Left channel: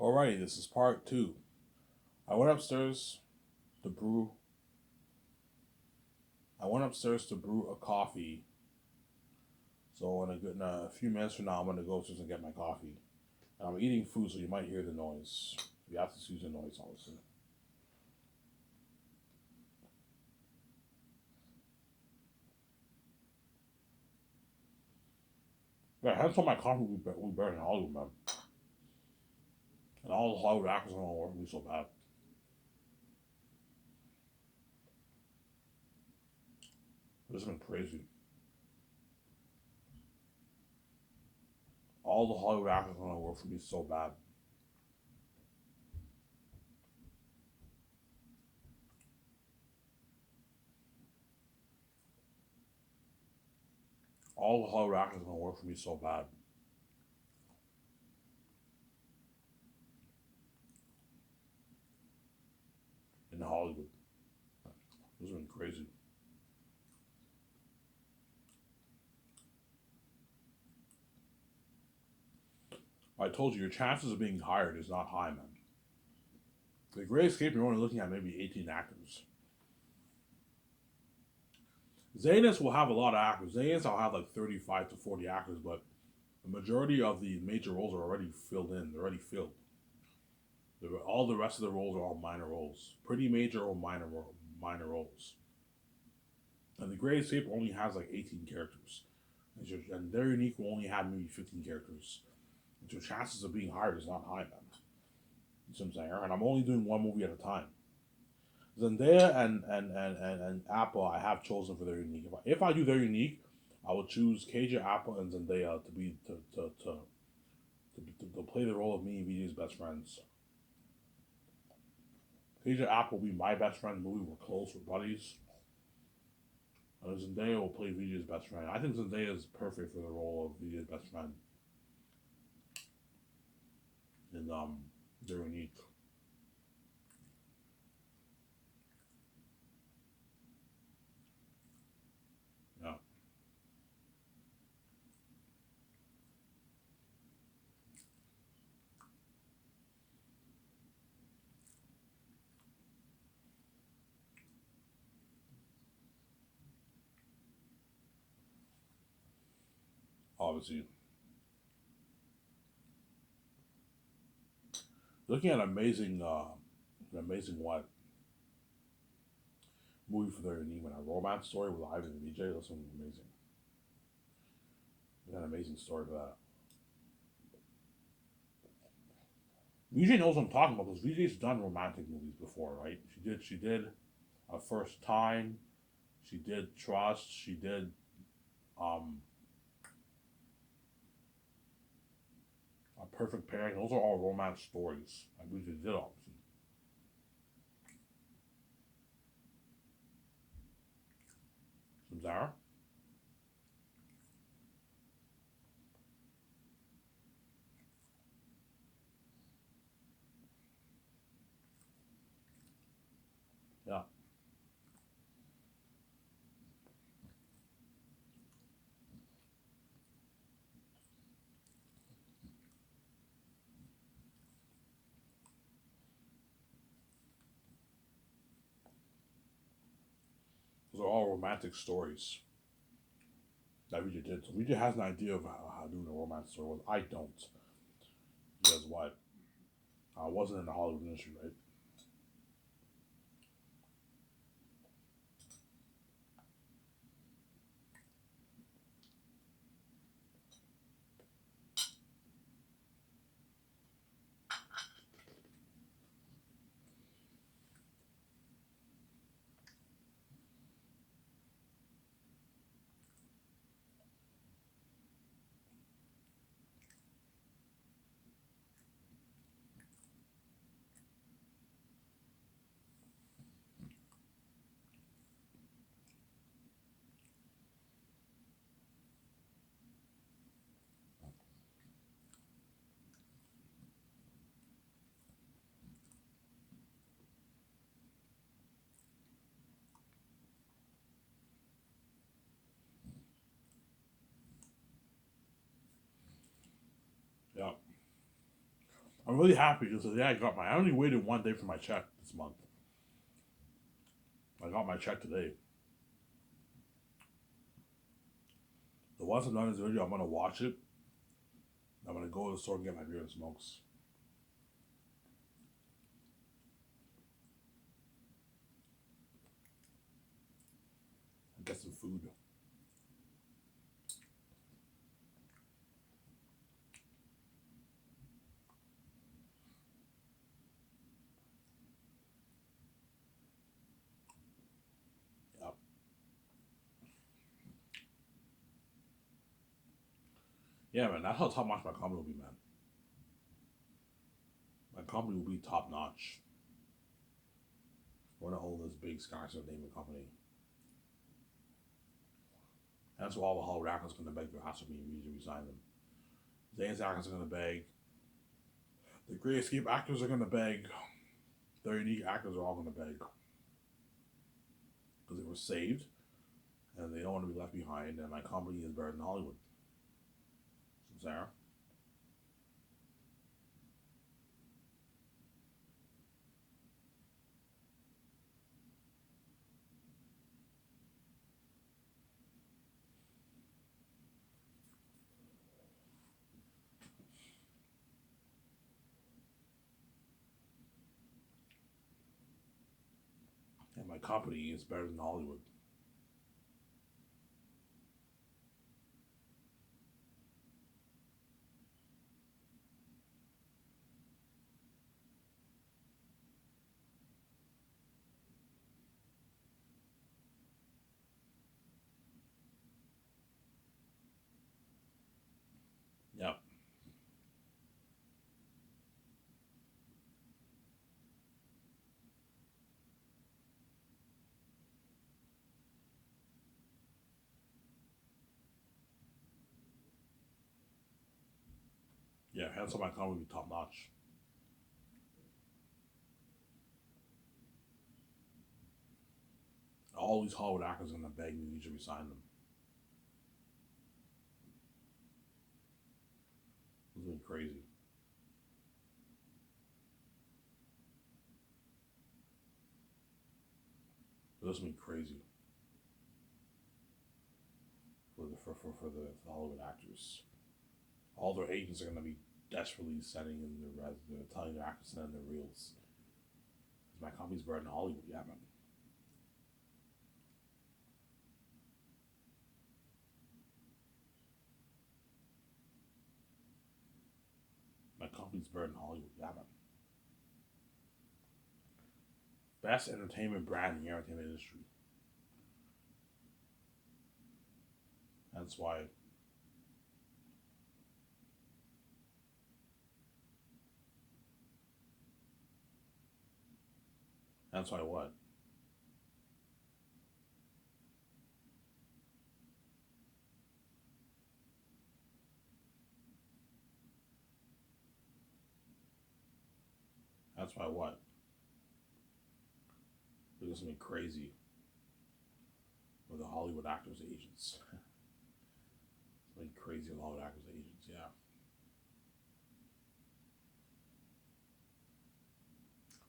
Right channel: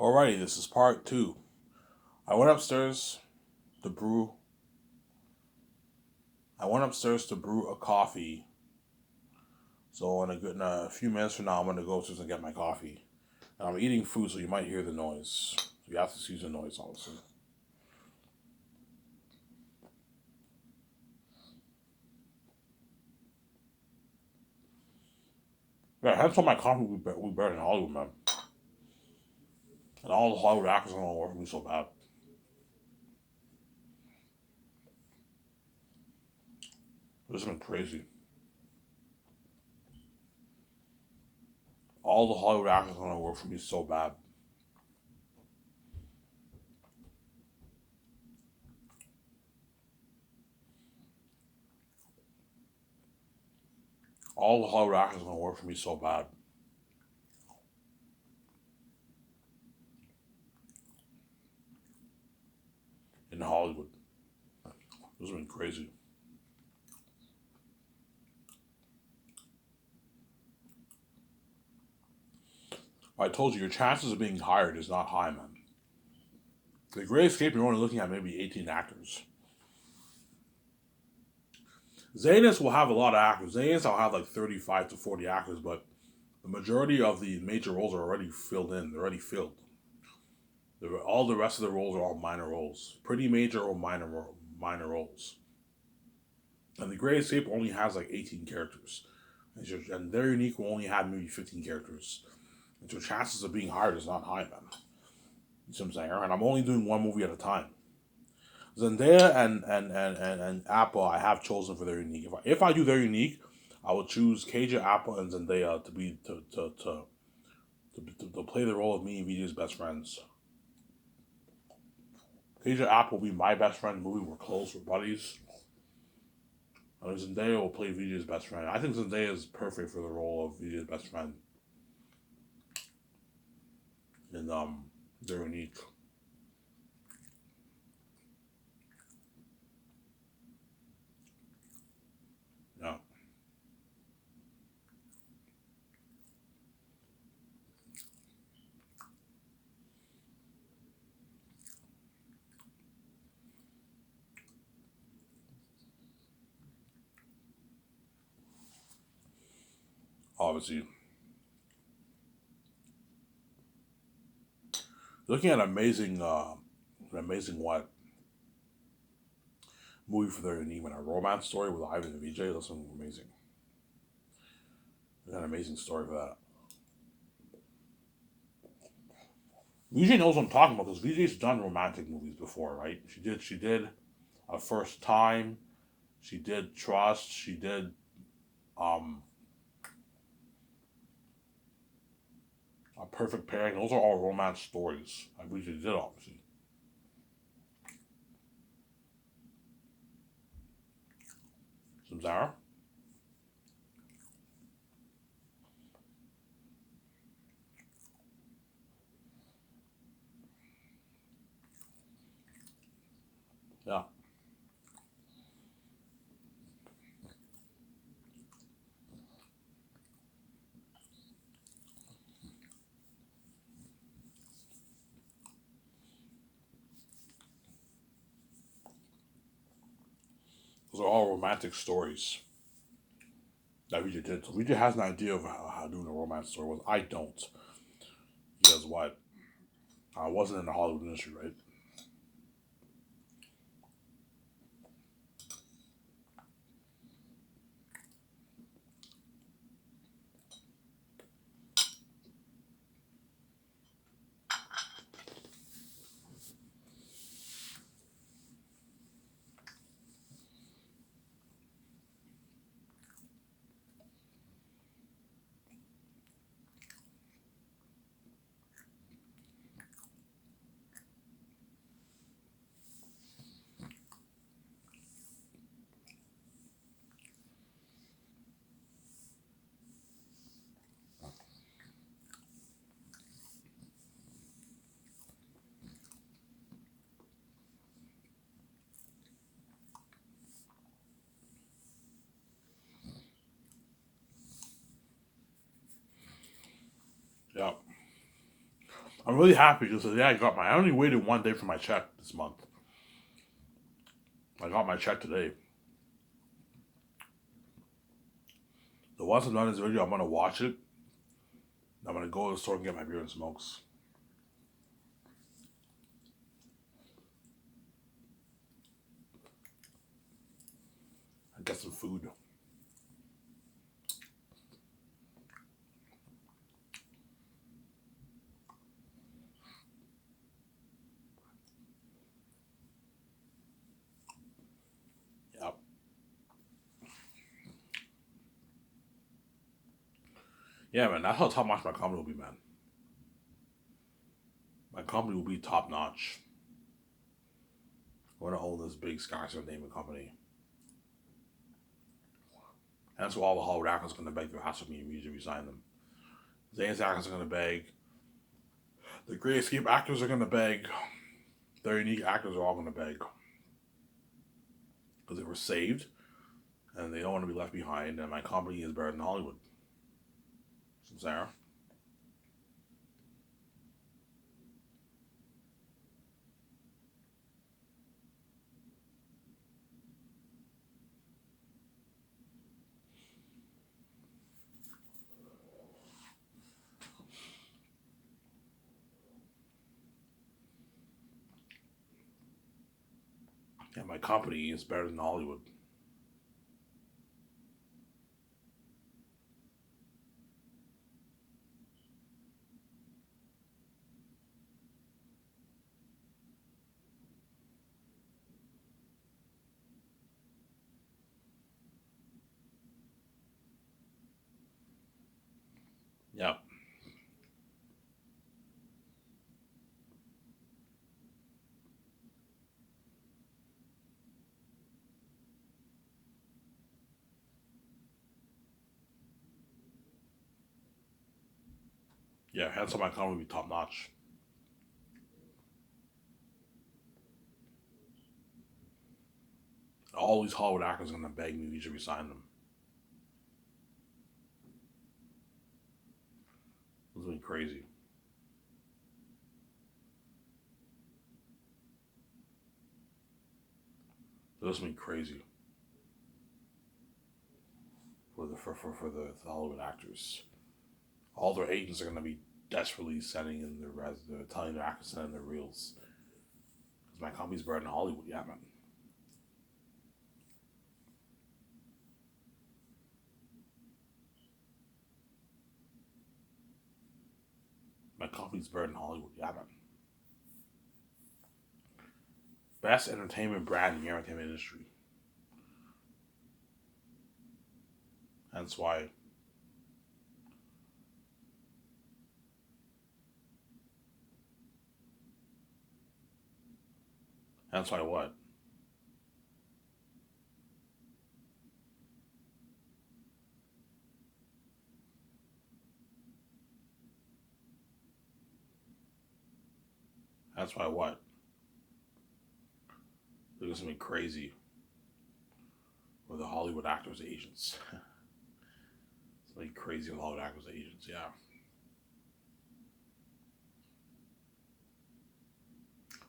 Alrighty, this is part two. I went upstairs to brew. I went upstairs to brew a coffee. So in a few minutes from now, I'm gonna go upstairs and get my coffee. And I'm eating food, so you might hear the noise. So you have to excuse the noise, obviously. Yeah, I had told my coffee we better in Hollywood, man. And all the Hollywood actors are gonna work for me so bad. This has been crazy. All the Hollywood actors are gonna work for me so bad. All the Hollywood actors are gonna work for me so bad in Hollywood. This has been crazy. I told you your chances of being hired is not high, man. The Great Escape, you're only looking at maybe 18 actors. Zanus will have a lot of actors. Zanus will have like 35 to 40 actors, but the majority of the major roles are already filled in. They're already filled. All the rest of the roles are all minor roles, pretty major or minor roles. And the Great Escape only has like 18 characters, and their unique will only have maybe 15 characters. And so chances of being hired is not high, man. You see what I'm saying? And I'm only doing one movie at a time. Zendaya and Apple, I have chosen for their unique. If I do their unique, I will choose Kaja Apple and Zendaya to be to play the role of me and Vijay's best friends. Kaja Apple will be my best friend in the movie. We're close, we're buddies. And Zendaya will play Vijay's best friend. I think Zendaya is perfect for the role of Vijay's best friend. And they're unique. Yeah. Obviously. Looking at an amazing what movie for their unique, a romance story with Ivan and Vijay. That's something amazing. An amazing story for that. Vijay knows what I'm talking about because Vijay's done romantic movies before, right? She did a first time. She did Trust. She did um a perfect pairing. Those are all romance stories. Like Vijay did obviously. Some Zara. Yeah. Those are all romantic stories that Vijay did. So Vijay has an idea of how doing a romance story was. I don't. Because what? I wasn't in the Hollywood industry, right? I'm really happy because today I only waited 1 day for my check this month. I got my check today. So once I'm done this video, I'm gonna watch it. I'm gonna go to the store and get my beer and smokes. And get some food. Yep. Yeah, man, that's how top notch my company will be, man. My company will be top notch. We're gonna own this big Skyser naming company. That's why all the Hollywood actors are gonna beg their ass for me to resign them. Zane's actors are gonna beg. The Great Escape actors are gonna beg. The unique actors are all gonna beg. Because they were saved and they don't want to be left behind, and my company is better than Hollywood. Sarah? Yeah, my company is better than Hollywood. Yeah. Yeah, hence why my company will be top notch. All these Hollywood actors are gonna beg me to resign them. This is gonna be crazy. This is gonna be crazy for the Hollywood actors. All their agents are gonna be desperately sending in they're telling their actors to send in their reels. Because my company's better than Hollywood, yeah, man. My company's better than Hollywood, yeah, man. Best entertainment brand in the entertainment industry. Hence why. Hence why what? That's why what? Because something crazy with the Hollywood actors' agents. Something crazy with Hollywood actors' agents, yeah.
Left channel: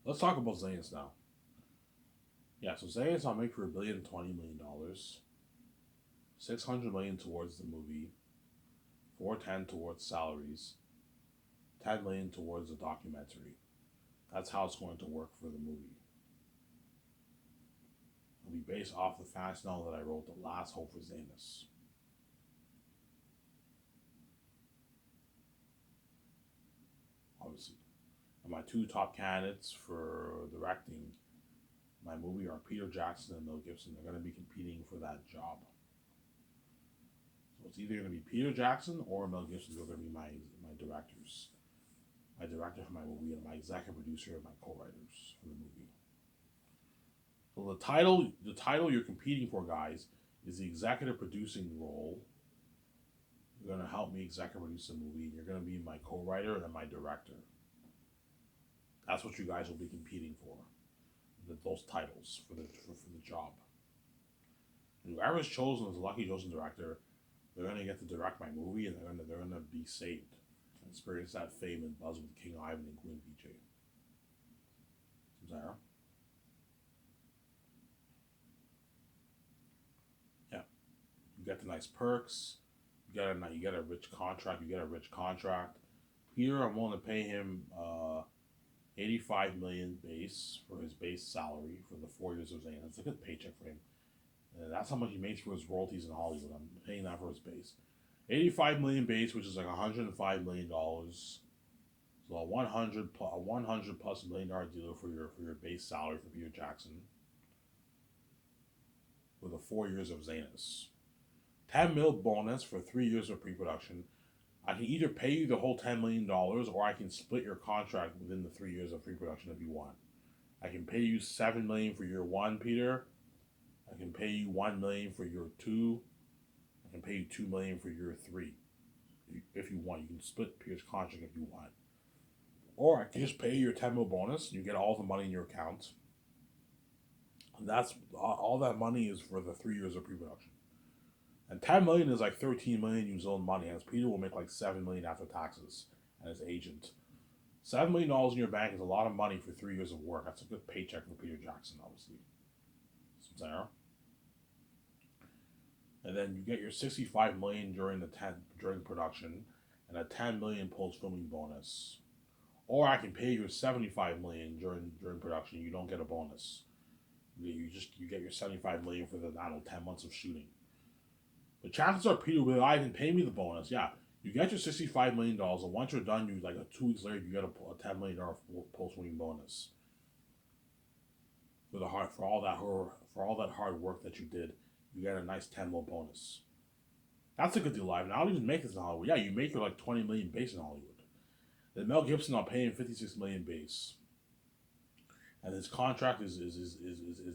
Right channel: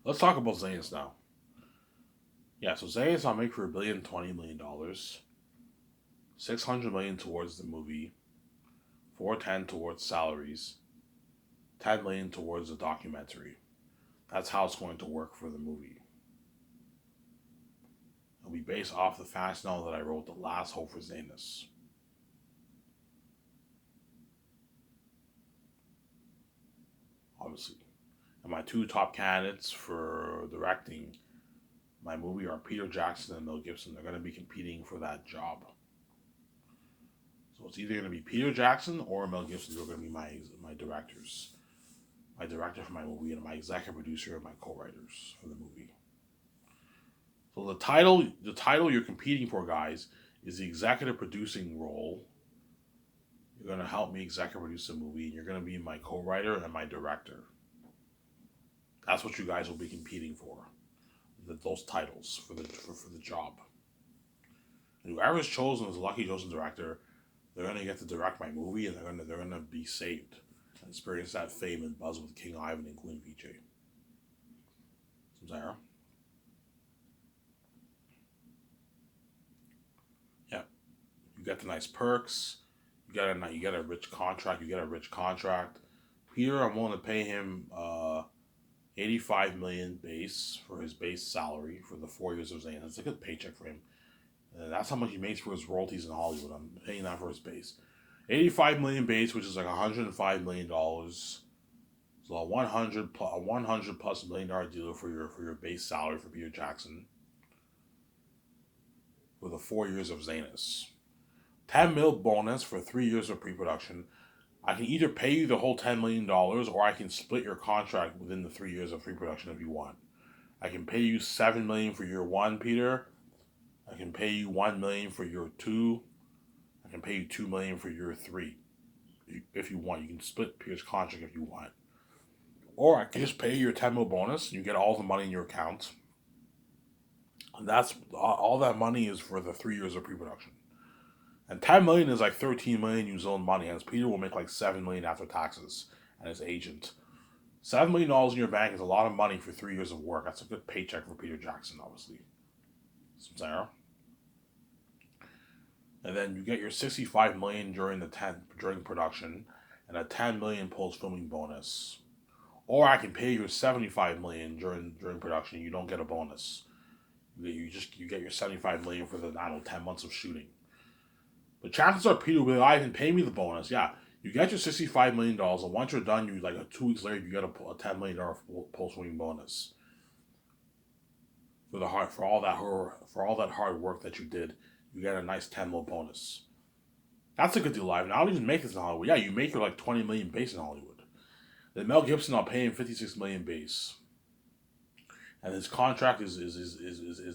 Let's talk about Zayn's now. Yeah, so Zayn's on make for $1,020,000,000, 600 million towards the movie, 410 towards salaries, 10 million towards the documentary. That's how it's going to work for the movie. It'll be based off the fast novel that I wrote, The Last Hope for Zanus. Obviously. And my two top candidates for directing my movie are Peter Jackson and Mel Gibson. They're going to be competing for that job. So it's either going to be Peter Jackson or Mel Gibson who are going to be my directors. My director for my movie and my executive producer and my co-writers for the movie. So the title you're competing for, guys, is the executive producing role. You're going to help me executive produce the movie, and you're going to be my co-writer and my director. That's what you guys will be competing for. Those titles for the job. And whoever's chosen as a lucky chosen director, they're gonna get to direct my movie, and they're gonna be saved. experience that fame and buzz with King Ivan and Queen PJ. Sarah? Yeah. You get the nice perks. You get a rich contract. You get a rich contract. Peter, I'm willing to pay him 85 million base for his base salary for the 4 years of Zayn. That's a good paycheck for him. And that's how much he makes for his royalties in Hollywood. I'm paying that for his base. 85 million base, which is like $105 million. So a 100 plus $100 million deal for your base salary for Peter Jackson for the 4 years of Zanus. 10 mil bonus for 3 years of pre-production. I can either pay you the whole $10 million or I can split your contract within the 3 years of pre-production if you want. I can pay you $7 million for year 1, Peter. I can pay you $1 million for year 2. I can pay you $2 million for year 3. If you want, you can split Peter's contract if you want. Or I can just pay you your 10 mil bonus. You get all the money in your account. And that's all that money is for the 3 years of pre-production. And 10 million is like 13 million New Zealand money, and Peter will make like 7 million after taxes and his agent. $7 million in your bank is a lot of money for 3 years of work. That's a good paycheck for Peter Jackson, obviously. Sarah. And then you get your 65 million during production, and a 10 million post filming bonus. Or I can pay you 75 million during production. You don't get a bonus. You get your 75 million for the 10 months of shooting. The chances are Peter will be like, I can pay me the bonus. Yeah, you get your $65 million, and once you're done, 2 weeks later, you get a $10 million post-winning bonus for all that hard work that you did. You get a nice 10 mil bonus. That's a good deal, live. Now, I don't even make this in Hollywood. Yeah, you make your like 20 million base in Hollywood. Then Mel Gibson, I'll pay him 56 million base, and his contract is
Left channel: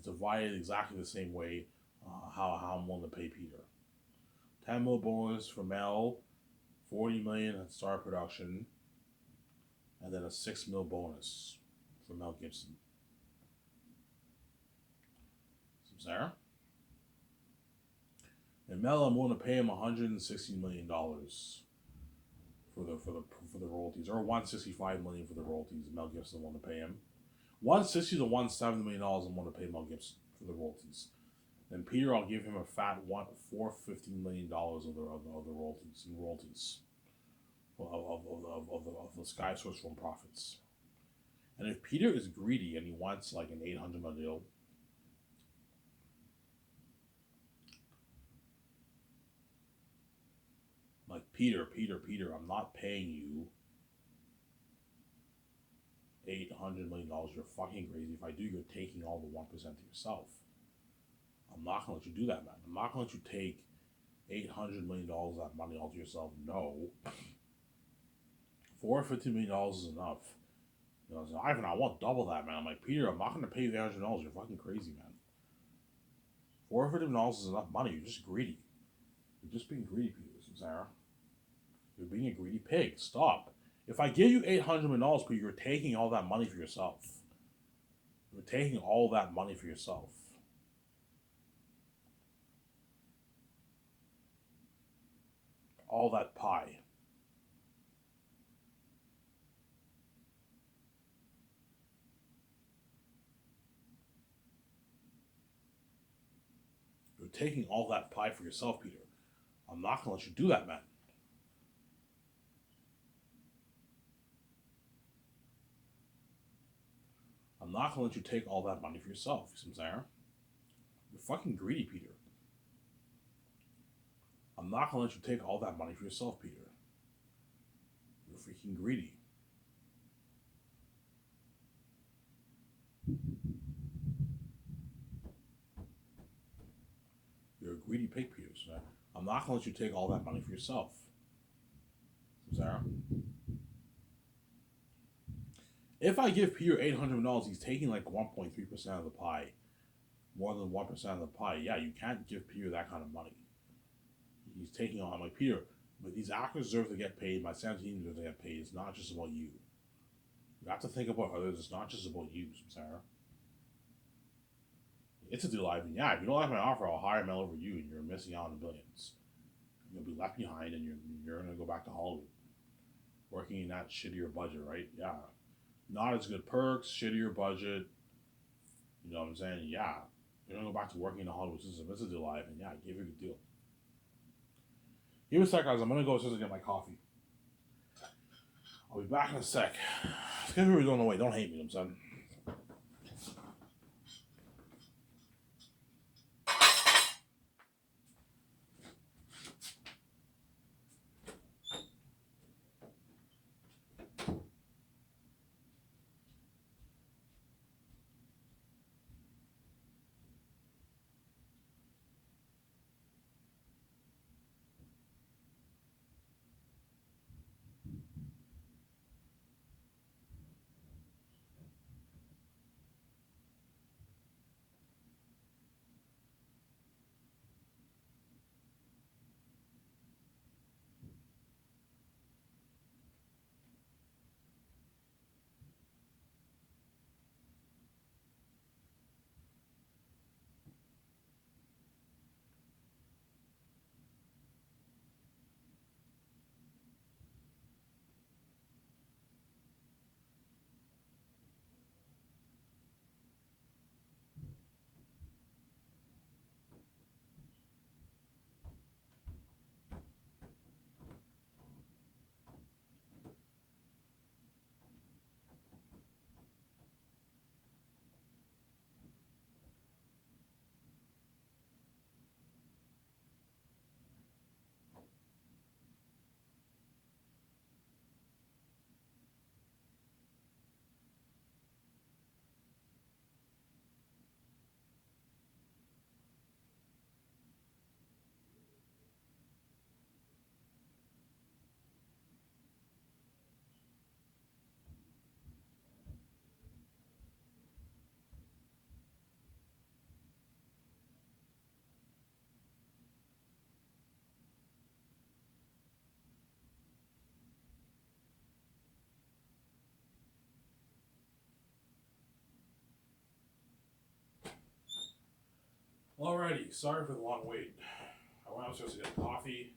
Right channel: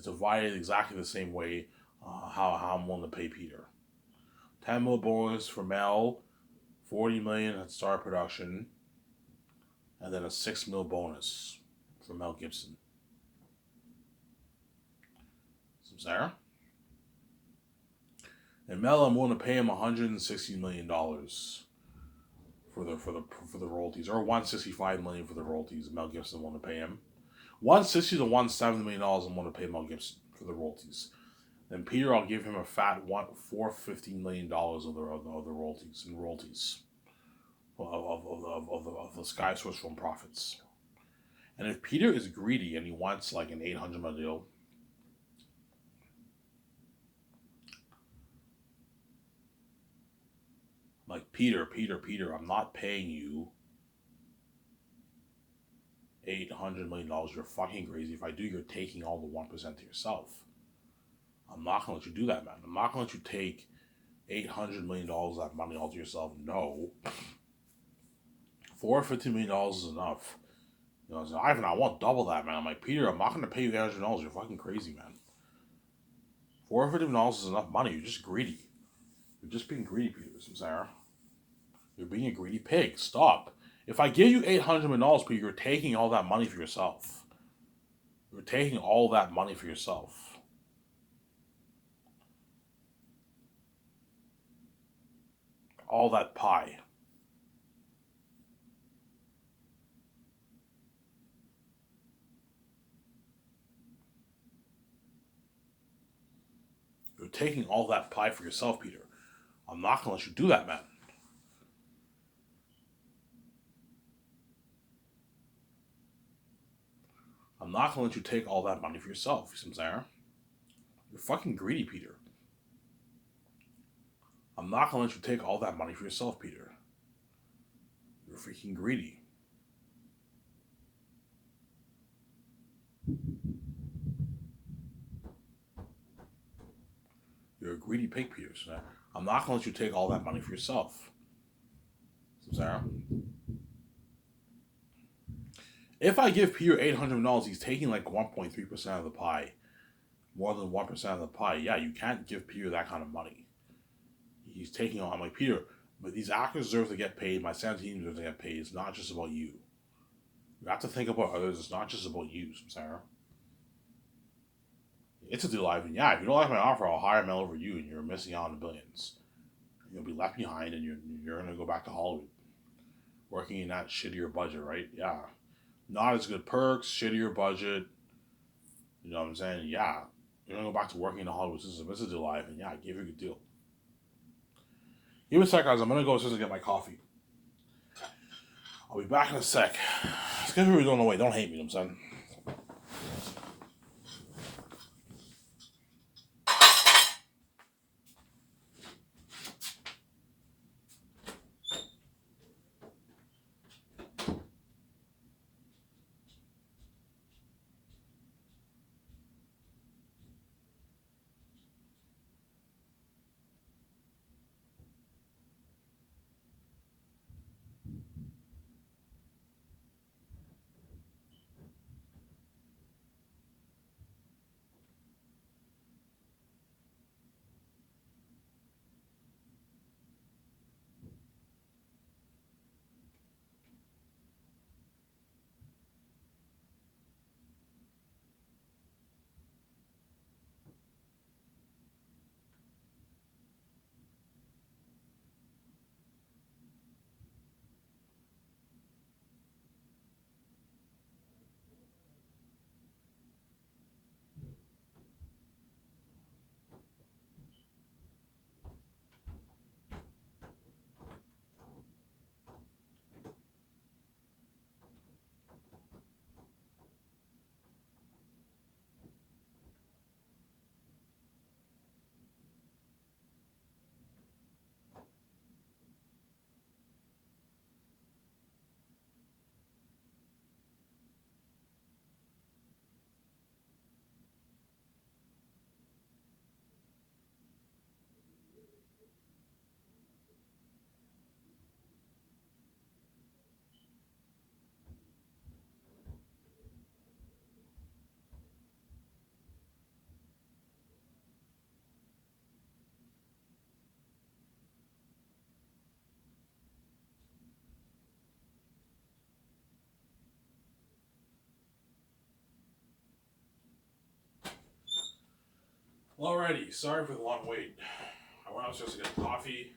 divided exactly the same way how I'm willing to pay Peter. 10 mil bonus for Mel, 40 million at Star Production, and then a 6 mil bonus for Mel Gibson. Sarah? And Mel, I'm willing to pay him $160 million for the royalties, or $165 million for the royalties. Mel Gibson willing to pay him $160 to $170 million. I'm willing to pay Mel Gibson for the royalties. Then Peter, I'll give him a fat $415 million of the royalties of the Sky Source film profits. And if Peter is greedy and he wants like an $800 million deal, like Peter, I'm not paying you $800 million. You're fucking crazy. If I do, you're taking all the 1% to yourself. I'm not gonna let you do that, man. I'm not gonna let you take $800 million of that money all to yourself. No. $450 million is enough. You know, so Ivan, I want double that, man. I'm like, Peter, I'm not gonna pay you $800. You're fucking crazy, man. $450 million is enough money. You're just greedy. You're just being greedy, Peter. Sarah. You're being a greedy pig. Stop. If I give you $800 million, Peter, you're taking all that money for yourself. You're taking all that money for yourself. All that pie. You're taking all that pie for yourself, Peter. I'm not going to let you do that, man. I'm not going to let you take all that money for yourself, Samsara. You're fucking greedy, Peter. I'm not going to let you take all that money for yourself, Peter. You're freaking greedy. You're a greedy pig, Peter. I'm not going to let you take all that money for yourself. Sarah. If I give Peter $800, he's taking like 1.3% of the pie. More than 1% of the pie. Yeah, you can't give Peter that kind of money. He's taking on, I'm like, Peter, but these actors deserve to get paid. My Santa team deserves to get paid. It's not just about you. You have to think about others. It's not just about you, Sarah. It's a deal, Ivan. Yeah, if you don't like my offer, I'll hire Mel over you, and you're missing out on the billions. You'll be left behind, and you're going to go back to Hollywood. working in that shittier budget, right? Yeah. Not as good perks, shittier budget. You know what I'm saying? Yeah. You're gonna go back to working in the Hollywood system. This is your life, and yeah, I gave you a good deal. Give me a sec, guys. I'm gonna go to get my coffee. I'll be back in a sec. It's gonna be going away. Don't hate me, you know what I'm saying? Alrighty, sorry for the long wait. I went upstairs to get coffee.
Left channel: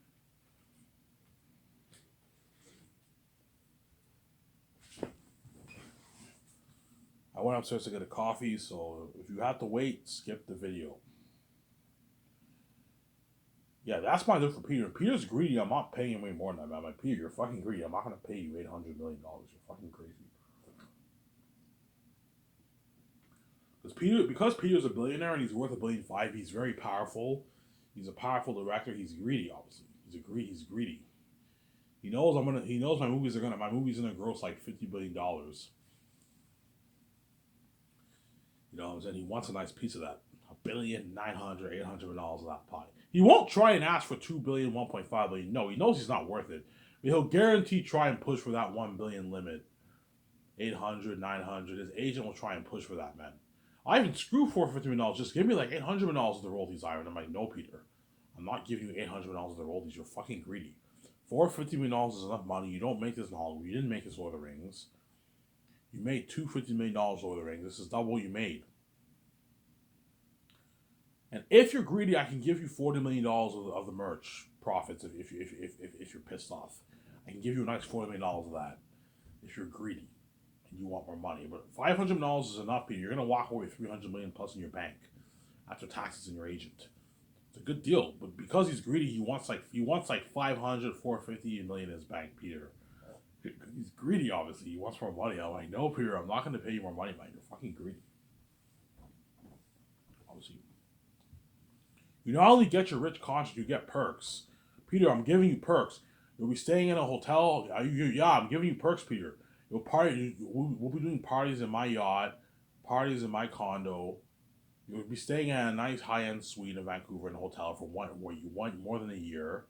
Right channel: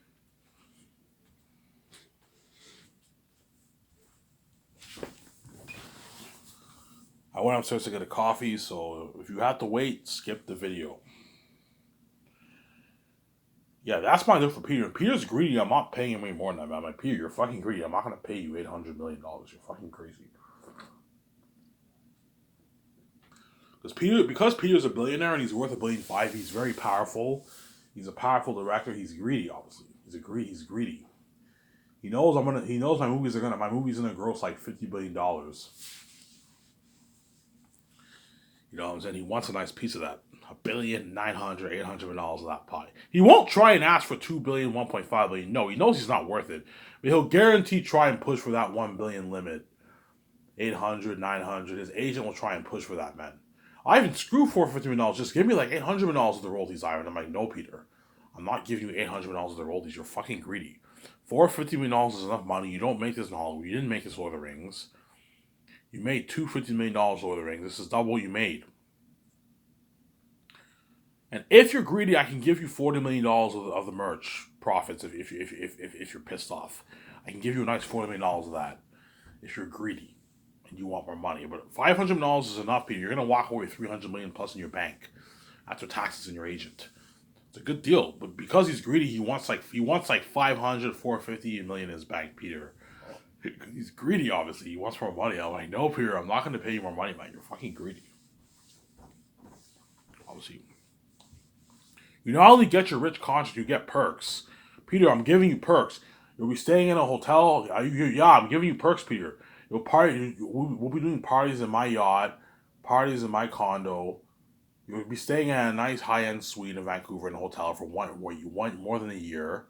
I went upstairs to get a coffee, so if you had to wait, skip the video. Yeah, that's my deal for Peter. Peter's greedy. I'm not paying him any more than that, man. I'm like, Peter, you're fucking greedy. I'm not gonna pay you $800 million. You're fucking crazy. Because Peter's a billionaire and he's worth $1.5 billion, he's very powerful. He's a powerful director. He's greedy, obviously. He's greedy. He knows my movies gonna gross like $50 billion. You know what I'm saying? He wants a nice piece of that. $1.9 billion, $800 million of that pie. He won't try and ask for $2 billion, $1.5 billion. No, he knows he's not worth it. But he'll guarantee try and push for that $1 billion limit. 800, 900. His agent will try and push for that, man. I even screw $450 million. Just give me like $800 million of the royalties, Iron. I'm like, no, Peter. I'm not giving you $800 million of the royalties. You're fucking greedy. $450 million is enough money. You don't make this in Hollywood. You didn't make this Lord of the Rings. You made $250 million Lord of the Rings. This is double what you made. And if you're greedy, I can give you $40 million of the merch profits if you're pissed off. I can give you a nice $40 million of that if you're greedy and you want more money. But $500 million is enough, Peter. You're going to walk away with $300 million plus in your bank after taxes and your agent. It's a good deal. But because he's greedy, he wants like 500, 450 million in his bank, Peter. He's greedy, obviously. He wants more money. I'm like, no, Peter, I'm not going to pay you more money, man. You're fucking greedy. Obviously. You not only get your rich conscience, you get perks. Peter, I'm giving you perks. You'll be staying in a hotel. Yeah, I'm giving you perks, Peter. We'll be doing parties in my yacht, parties in my condo. You'll be staying in a nice high-end suite in Vancouver in a hotel for where you want more than a year,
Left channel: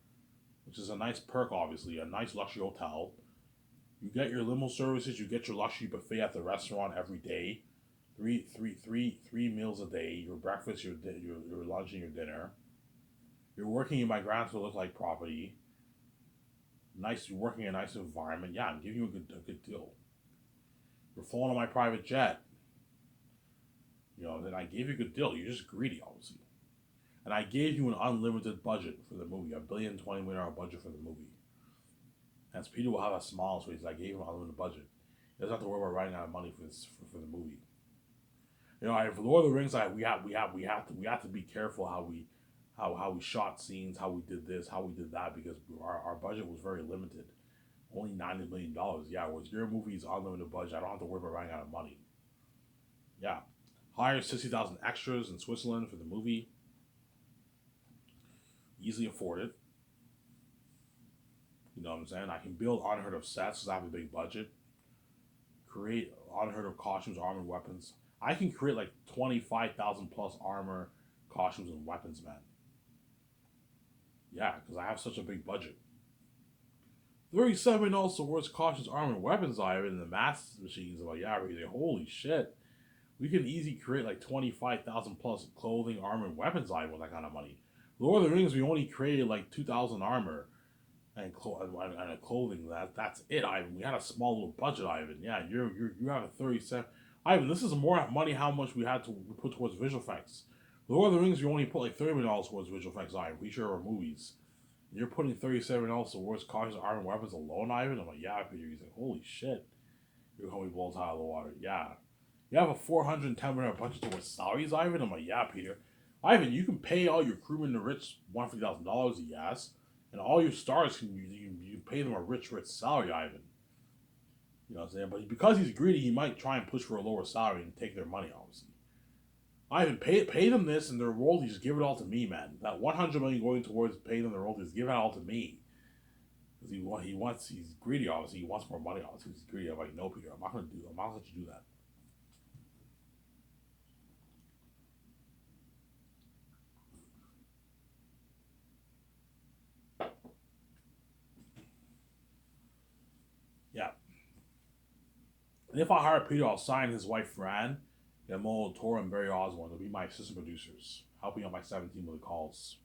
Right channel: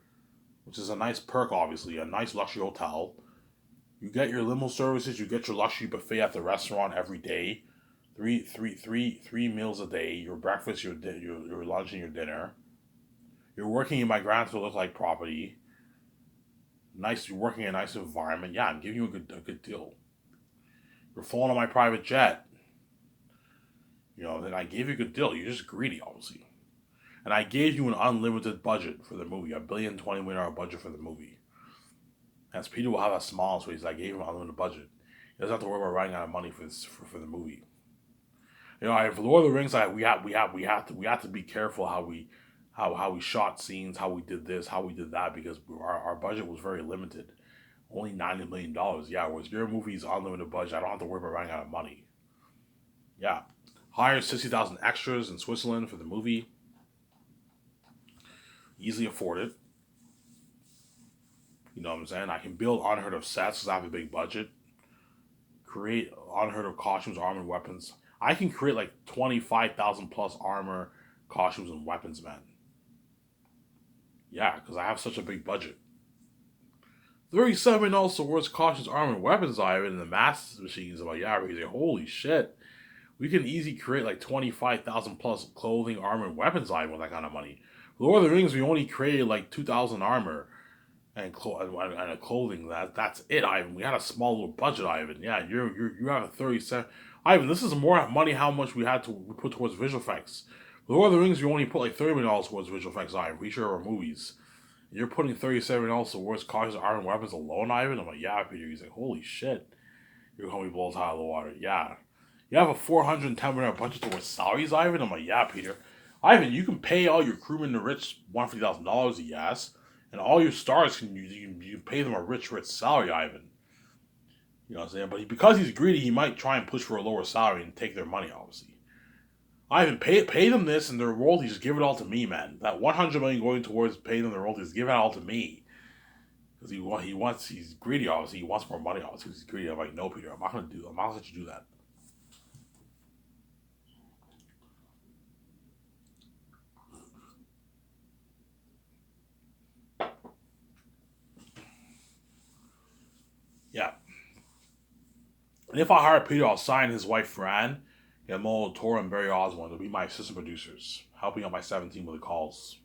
which is a nice perk, obviously, a nice luxury hotel. You get your limo services. You get your luxury buffet at the restaurant every day. Three meals a day. Your breakfast, your lunch, and your dinner. You're working in my Grand Look like property. Nice. You're working in a nice environment. Yeah, I'm giving you a good deal. You're flying on my private jet. You know, then I gave you a good deal. You're just greedy, obviously. And I gave you an unlimited budget for the movie, $1.020 billion budget for the movie. As Peter will have a smile on his face, I gave him unlimited budget. He doesn't have to worry about running out of money for this for the movie. You know, for Lord of the Rings, we have to be careful how we shot scenes, how we did this, how we did that, because our budget was very limited. Only $90 million. Yeah, whereas your movie's unlimited budget, I don't have to worry about running out of money. Yeah. Hire 60,000 extras in Switzerland for the movie. Easily afford it. You know what I'm saying? I can build unheard of sets because I have a big budget. Create unheard of costumes, armor, and weapons. I can create like 25,000 plus armor, costumes, and weapons, man. Yeah, because I have such a big budget. 37 also worth costumes, armor, and weapons I have in the mass machines. I'm like, yeah, like, holy shit. We can easily create like 25,000 plus clothing, armor, and weapons I with that kind of money. Lord of the Rings, we only created like 2,000 armor and a clothing. That's it, Ivan. We had a small little budget, Ivan. Yeah, you have a 37. Ivan, this is more money how much we had to put towards visual effects. Lord of the Rings, we only put like $30 million towards visual effects, Ivan. We sure are movies. You're putting $37 towards cars, iron weapons alone, Ivan? I'm like, yeah, Peter. He's like, holy shit. You're calling me blows out of the water. Yeah. You have a $410 million budget towards salaries, Ivan? I'm like, yeah, Peter. Ivan, you can pay all your crewmen the rich $150,000 yes. And all your stars, you pay them a rich salary, Ivan. You know what I'm saying? But because he's greedy, he might try and push for a lower salary and take their money, obviously. Ivan, pay them this and their royalties, just give it all to me, man. That $100 million going towards paying them their royalties, give it all to me. Because he's greedy, obviously. He wants more money, obviously. He's greedy. I'm like, no, Peter, I'm not gonna let you do that. Yeah. And if I hire Peter, I'll sign his wife Fran, Guillermo del Toro, and Barry Oswald. They'll be my assistant producers, helping out my 17 with the calls.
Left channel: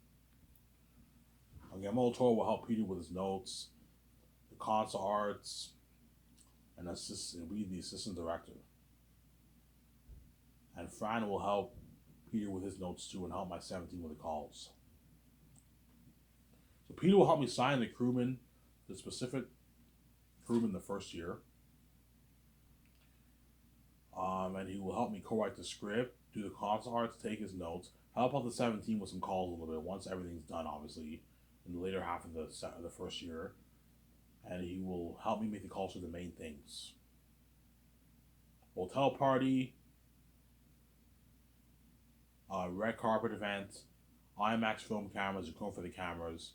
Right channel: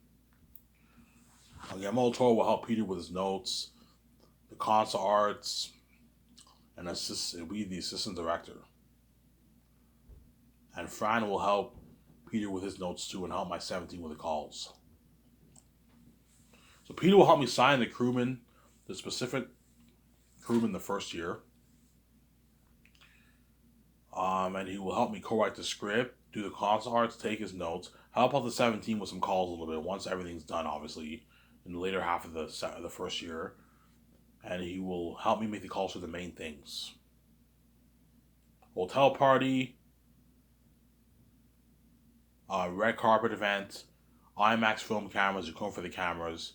Guillermo del Toro will help Peter with his notes, the console arts, and be the assistant director. And Fran will help Peter with his notes too and help my 17 with the calls. So Peter will help me sign the crewman, the specific crewman the first year. And he will help me co-write the script, do the console arts, take his notes, help out the 17 with some calls a little bit once everything's done, obviously, in the later half of the first year. And he will help me make the calls for the main things. Hotel party, red carpet event, IMAX film cameras, you come for the cameras,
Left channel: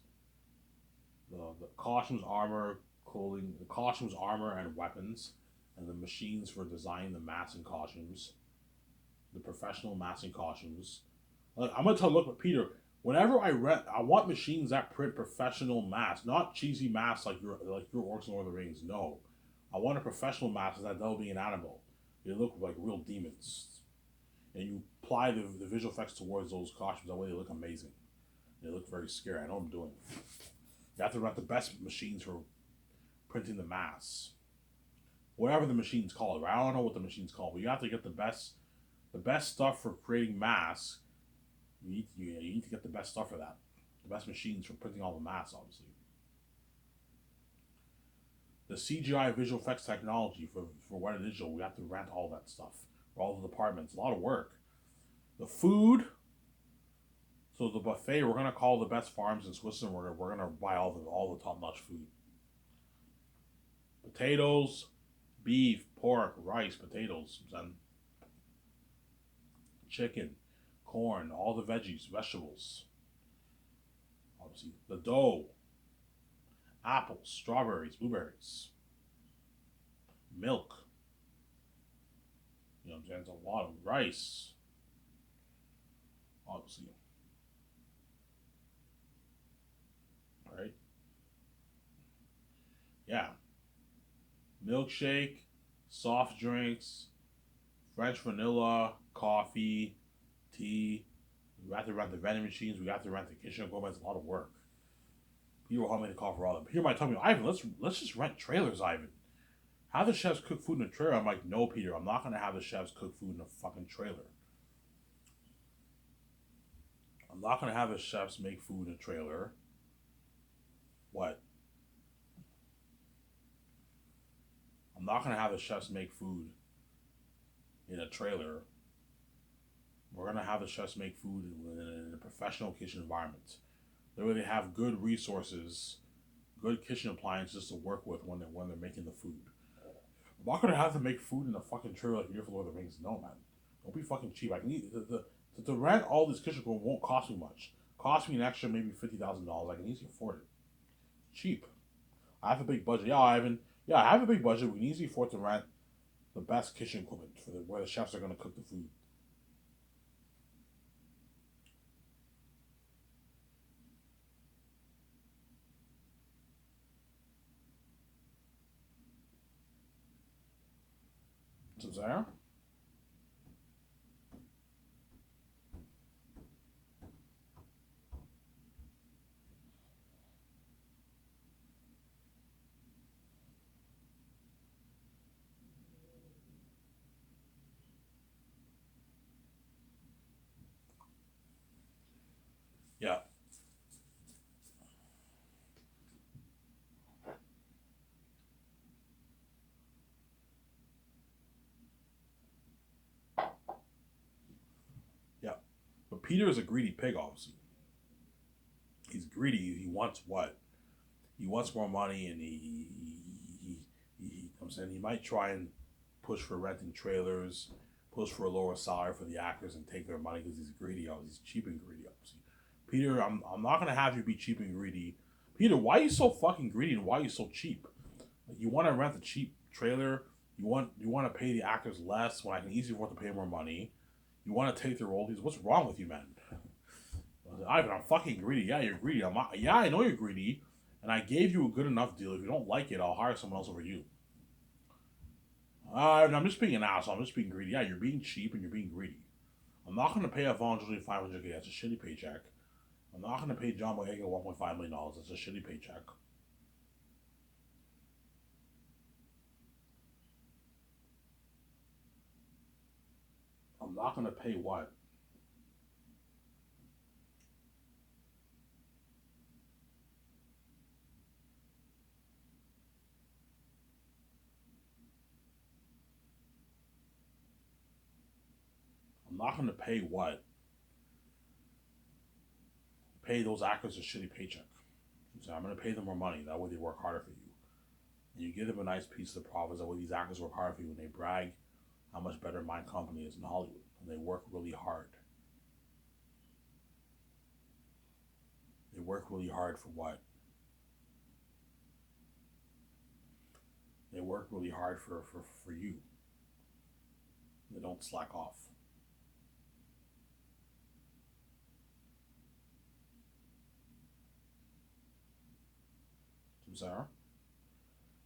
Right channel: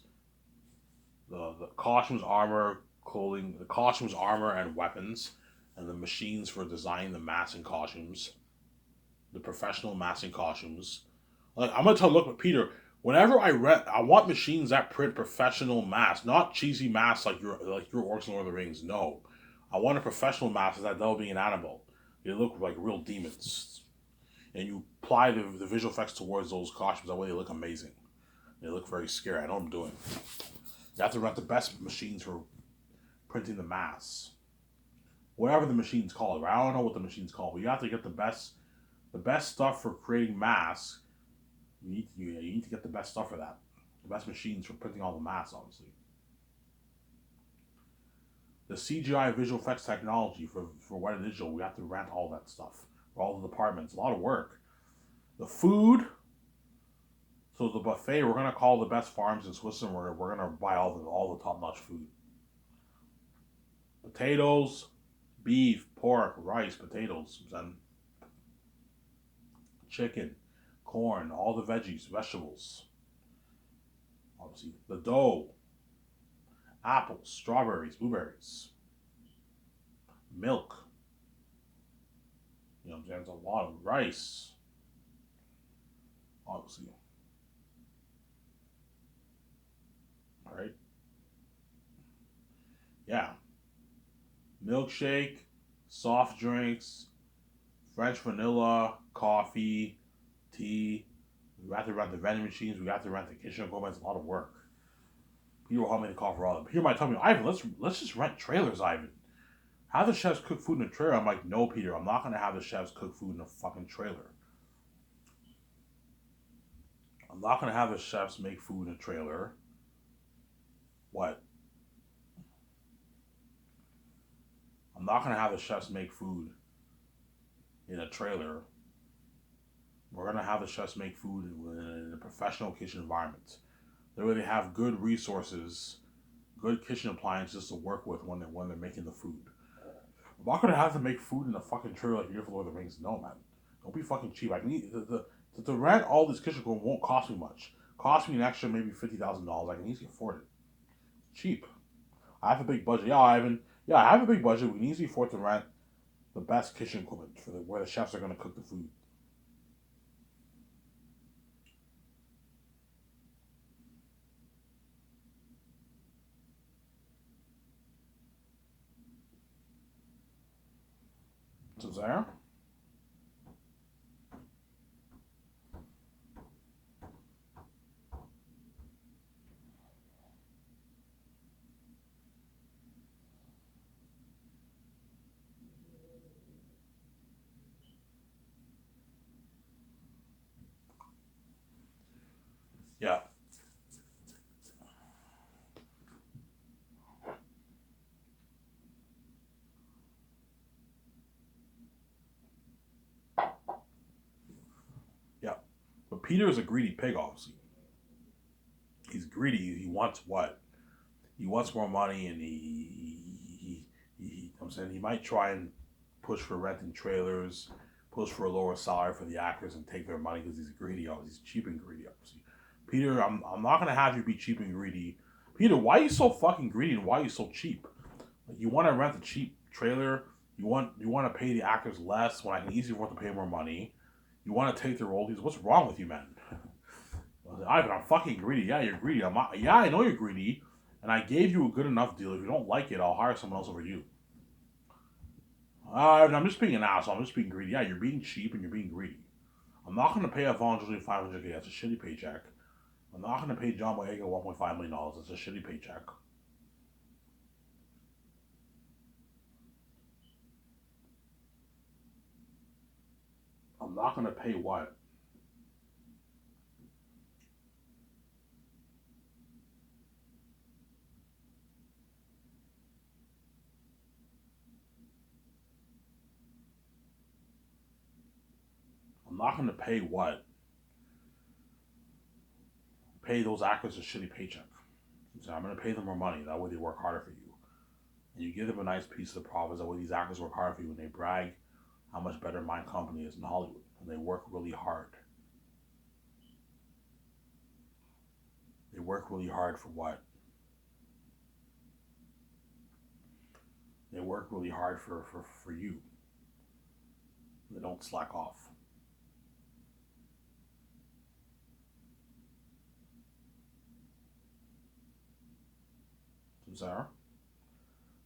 the costumes, armor, clothing, the costumes, armor, and weapons, and the machines for designing the masks and costumes, the professional masks and costumes. Like I'm gonna look, Peter. Whenever I want machines that print professional masks, not cheesy masks like your Orcs and Lord of the Rings. No, I want a professional mask that they'll be an animal. They look like real demons, and you apply the visual effects towards those costumes. That way they look amazing. They look very scary. I know what I'm doing. You have to rent the best machines for printing the masks. Whatever the machine's called. Right? I don't know what the machine's called, but you have to get the best stuff for creating masks. You need to get the best stuff for that. The best machines for printing all the masks, obviously. The CGI visual effects technology for Weta Digital, we have to rent all that stuff for all the departments. A lot of work. The food. So the buffet, we're gonna call the best farms in Switzerland. We're gonna buy all the top notch food. Potatoes, beef, pork, rice, potatoes, and chicken, corn, all the veggies, vegetables. Obviously, the dough, apples, strawberries, blueberries, milk. There's a lot of rice. Obviously. All right. Yeah. Milkshake, soft drinks, French vanilla, coffee, tea. We have to rent the vending machines. We have to rent the kitchen equipment. It's a lot of work. Peter will help me to call for all of them. Peter might tell me, Ivan, let's just rent trailers, Ivan. Have the chefs cook food in a trailer. I'm like, no, Peter, I'm not going to have the chefs cook food in a fucking trailer. I'm not going to have the chefs make food in a trailer. What? I'm not gonna have the chefs make food in a trailer. We're gonna have the chefs make food in a professional kitchen environment. That way they have good resources, good kitchen appliances to work with when they're making the food. I'm not gonna have to make food in a fucking trailer like here for Lord of the Rings. No, man. Don't be fucking cheap. I need to rent all this kitchen equipment won't cost me much. Cost me an extra maybe $50,000. I can easily afford it. Cheap. I have a big budget. Yeah, Ivan. Yeah, I have a big budget. We can easily afford to rent the best kitchen equipment for where the chefs are gonna cook the food. So there. Yeah. Yeah. But Peter is a greedy pig, obviously. He's greedy. He wants what? He wants more money, and I'm saying he might try and push for renting trailers, push for a lower salary for the actors, and take their money because he's greedy. He's cheap and greedy, obviously. Peter, I'm not gonna have you be cheap and greedy. Peter, why are you so fucking greedy and why are you so cheap? Like, you want to rent a cheap trailer. You want to pay the actors less when I can easily afford to pay more money. You want to take the royalties. What's wrong with you, man? Ivan, I'm fucking greedy. Yeah, you're greedy. Yeah, I know you're greedy, and I gave you a good enough deal. If you don't like it, I'll hire someone else over you. I'm just being an asshole. I'm just being greedy. Yeah, you're being cheap and you're being greedy. I'm not going to pay Yvonne Jolie $500K. That's a shitty paycheck. I'm not going to pay John Boyega $1.5 million. That's a shitty paycheck. I'm not going to pay what? I'm not going to pay what? Pay those actors a shitty paycheck. So I'm going to pay them more money. That way they work harder for you. And you give them a nice piece of the profits. That way these actors work hard for you and they brag how much better my company is in Hollywood. And they work really hard. They work really hard for what? They work really hard for you. They don't slack off. Sarah?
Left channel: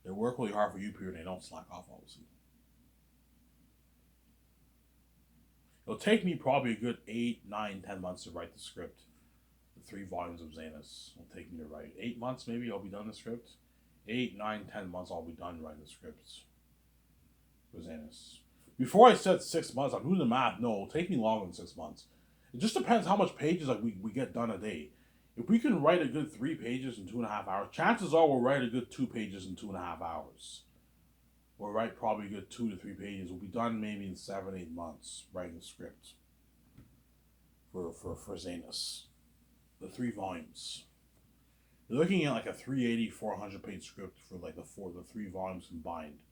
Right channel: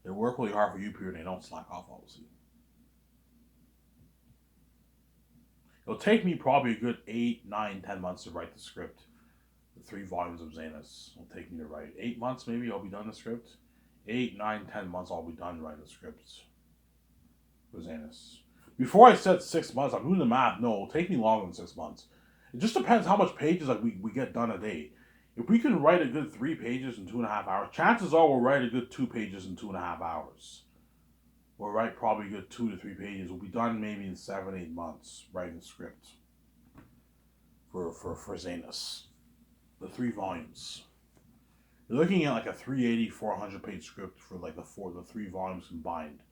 They work really hard for you, Peter, and they don't slack off, obviously. It'll take me probably a good 8, 9, 10 months to write the script. The 3 volumes of Zanus will take me to write. 8 months, maybe, I'll be done the script. 8, 9, 10 months, I'll be done writing the scripts for Zanus. Before I said 6 months, I'm doing the math. No, it'll take me longer than 6 months. It just depends how much pages like we get done a day. If we can write a good 3 pages in 2.5 hours, chances are we'll write a good 2 pages in 2.5 hours. We'll write probably a good 2 to 3 pages. We'll be done maybe in 7, 8 months writing the script for Zanus. The 3 volumes. You're looking at like a 380, 400 page script for like the 3 volumes combined.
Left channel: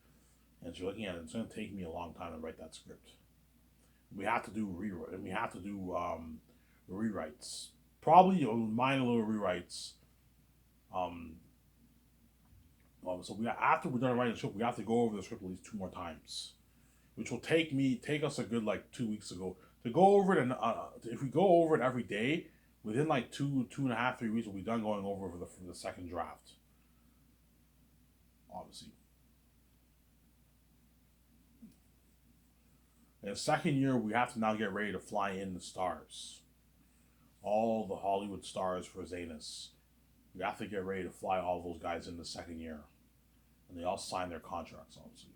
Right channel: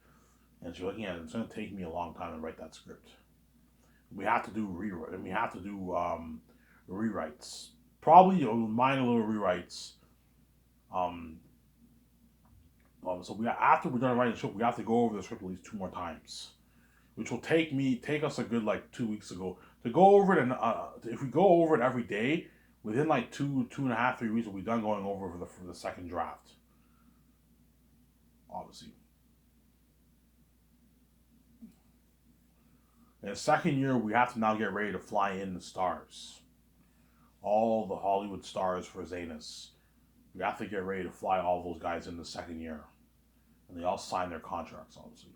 And so you're looking at it, it's going to take me a long time to write that script. We have to do rewrites. Probably minor little rewrites. So after we're done writing the script, we have to go over the script at least 2 more times, which will take us a good like 2 weeks ago to go over it. And if we go over it every day, within like 2.5, 3 weeks, we'll be done going over for the second draft. Obviously, in the second year, we have to now get ready to fly in the stars, all the Hollywood stars for Zanus. We have to get ready to fly all those guys in the second year, and they all sign their contracts, obviously.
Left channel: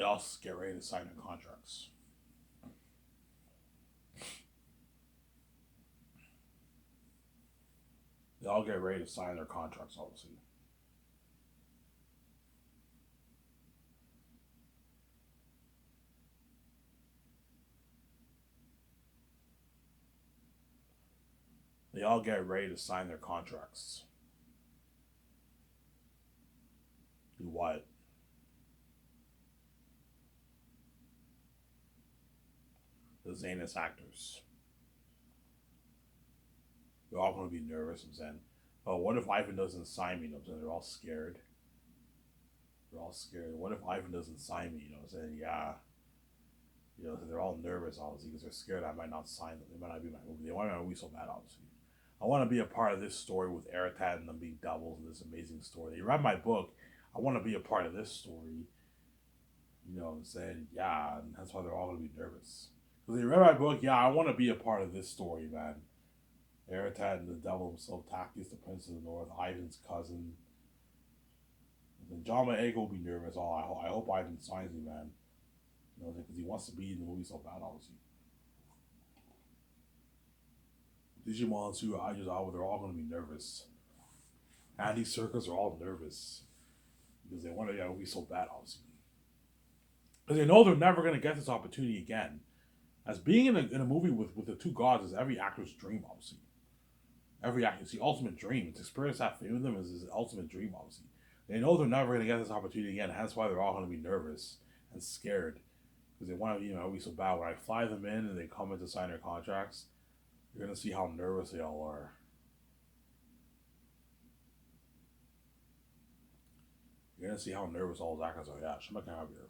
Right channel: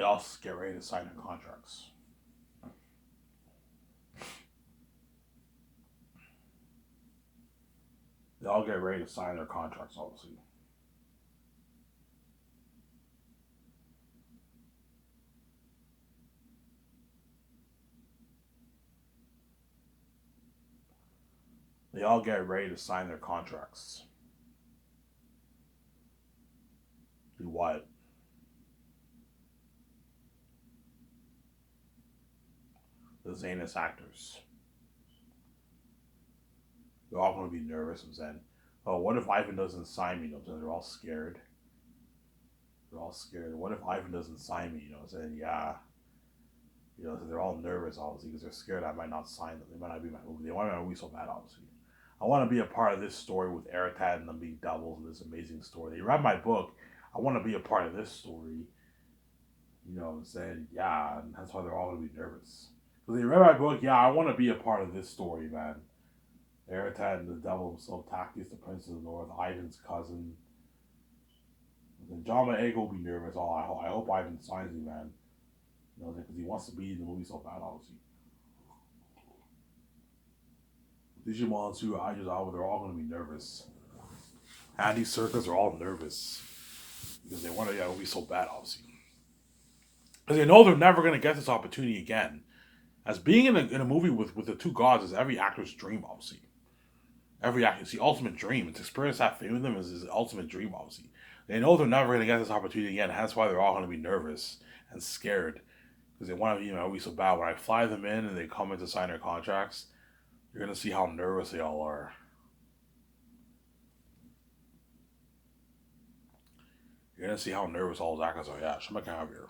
They all get ready to sign their contracts. They all get ready to sign their contracts, obviously. They all get ready to sign their contracts. Do what? The Zanus actors. They're all going to be nervous and saying, "Oh, what if Ivan doesn't sign me?" You know, so they're all scared. They're all scared. What if Ivan doesn't sign me? You know, saying, "Yeah." You know, so they're all nervous, obviously, because they're scared I might not sign them. They might not be my movie. They want my movie so bad, obviously. I want to be a part of this story with Eritad and them being doubles in this amazing story. They read my book. I want to be a part of this story. You know what I'm saying? Yeah, and that's why they're all going to be nervous. Because they read my book, yeah, I want to be a part of this story, man. Eritad and the devil himself, Tactius, the Prince of the North, Ivan's cousin. And John Boyega will be nervous. Oh, I hope Ivan signs me, man. You know, because he wants to be in the movie so bad, obviously. Digimon, Sue, Idris Alba, they're all going to be nervous. Andy Serkis are all nervous. Because they want to get a movie so bad, obviously. Because they know they're never going to get this opportunity again. As being in a movie with the two gods is every actor's dream, obviously. Every actor, it's the ultimate dream. It's experience that fame with them is his ultimate dream, obviously. They know they're never going to get this opportunity again. That's why they're all going to be nervous and scared. Because they want to be in a movie so bad. When I fly them in and they come in to sign their contracts, you're going to see how nervous they all are. You're going to see how nervous all those actors are. Yeah, Shema Kavir.